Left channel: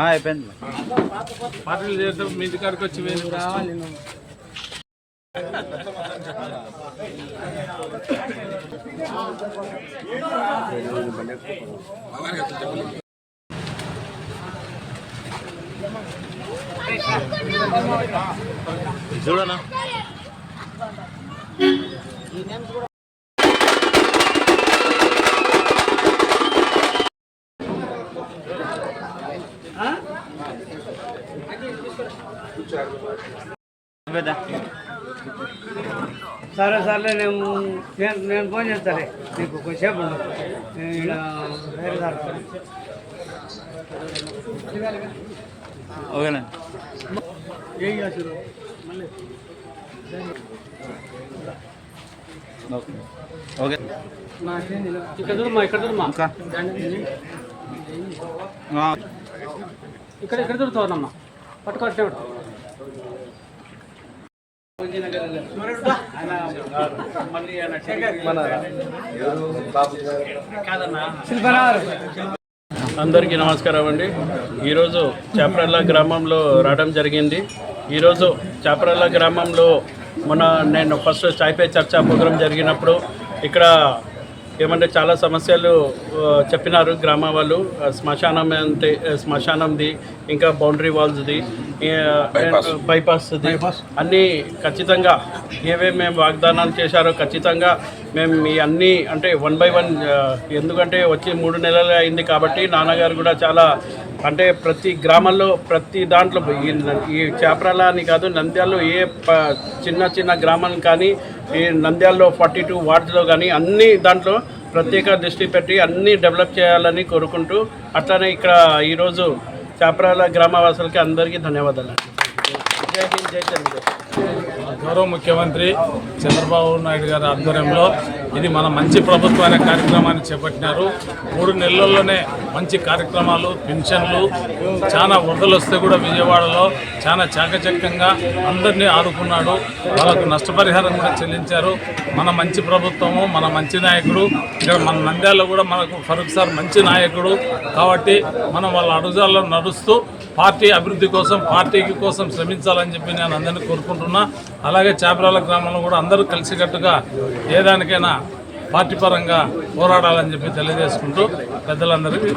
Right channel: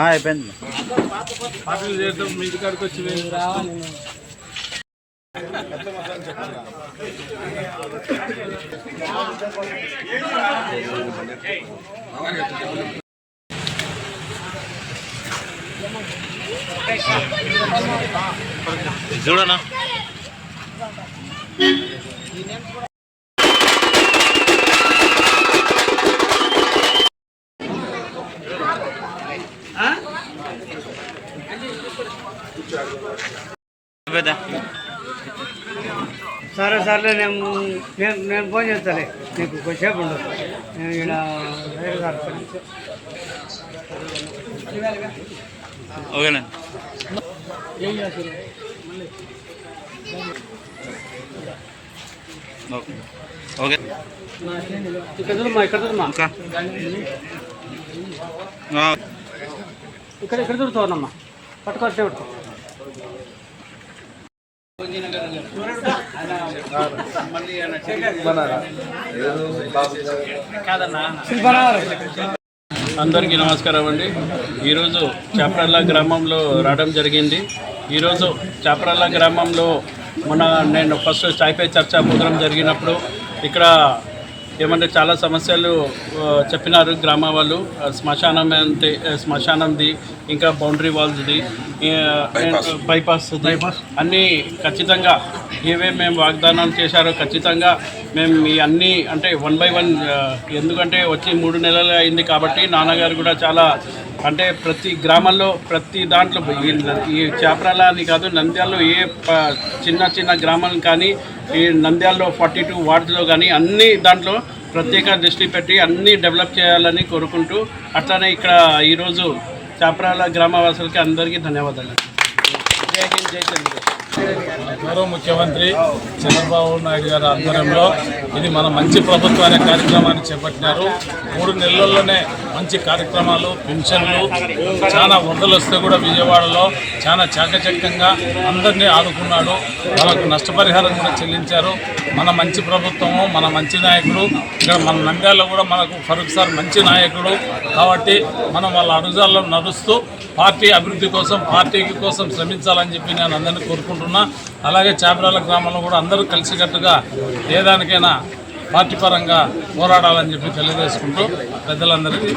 అయిపోయింది మీ ఇంటికాడికి వచ్చి రావాలి నువ్వు. చూడనా? సరే సర్లే నేను నేను నేను ఫోన్ చేస్తాను నీకు కొంచెంసేపు ఉండదు నేను సార్ ఓకేనా ఓకే. ఇక్కడ చూడమ్మా ఇక్కడ చూడమ్మా ఇక్కడ ఇక్కడ చూడుతావమ్మా పట్టుకొచ్చే అందరికీ నమస్కారం అండి. ఈరోజు చాప్రల్లా గ్రామంలో రావడం జరిగింది. ఈరోజు చాప్రల్లా గ్రామంలో మొన్న నేను ఫస్ట్ స్టైపే చర్చా ప్రోగ్రాం జరిగినప్పుడు ఇక్కడ ఏమంటే చాలా సమస్యలు చెప్పినారు గ్రామ వాళ్ళు. శ్మశానం అంటే శ్మశానంది ఇంకా బౌండరీ వాల్స్ది బైపాస్ది. అన్నీ ఖచ్చితంగా ఏవేమి మేము వాగ్దానాలు చేశారో ఖచ్చితంగా మేము ఈ అన్నీ అంటే వన్ బై వన్ ఎందుకంటే వచ్చి మూడు నెలలు అయింది కాబట్టి నాన్నగారు కూడా చాలా అంటే ప్రతి గ్రామంలో ప్రతి దాంట్లో ఈ చేపరాల అని కాదు నంద్యాలలో ఏ చిన్న చిన్న గ్రామాలు కానీ ఈ నంద్యాలలో ఫార్టీ టూ వార్డులో కానీ అన్ని దాంట్లో ప్రత్యేక దృష్టి పెట్టి అన్నీ డెవలప్ చేయాలని కోరుకుంటూ అట్లానే ఇక్కడ ఈరోజు చాపరాల గ్రామవాసులకి అందరికీ ధన్యవాదాలు. గౌరవ ముఖ్యమంత్రి చంద్రబాబు నాయుడు గారి ఆధ్వర్యంలో ఇది మన మంచి ప్రభుత్వం అనే కార్యక్రమాన్ని చేపట్టినారు. మూడు నెలల్లోనే మంచి కార్యక్రమాలు పెన్షన్లు చాలా వరదలు వస్తే కూడా విజయవాడలో చాలా చాకచక్యంగా అందరినీ ఆదుకున్నాడు. వాళ్ళకు నష్టపరిహారం కూడా చెల్లించారు. మన మంచి ప్రభుత్వము మన మంచి నాయకుడు. ఇక్కడ మన నంద్యాలలో కూడా మనకు ఫరూక్ సార్ మంచి నాయకుడు. కాబట్టి మనం వాళ్ళ అడుగుజాల్లో నడుస్తూ పార్టీ అభివృద్ధి కోసం పార్టీకి కోసం శ్రమించాలని చెప్పి నేను అందరినీ కోరుకుంటున్నా. అలాగే చాపరాల గ్రామంలో కూడా అందరూ కలిసికట్టుగా ఏ దానికైనా పార్టీ పరంగా పోరాడాలని చెప్పి తెలియజేసుకుంటూ పెద్దలందరికీ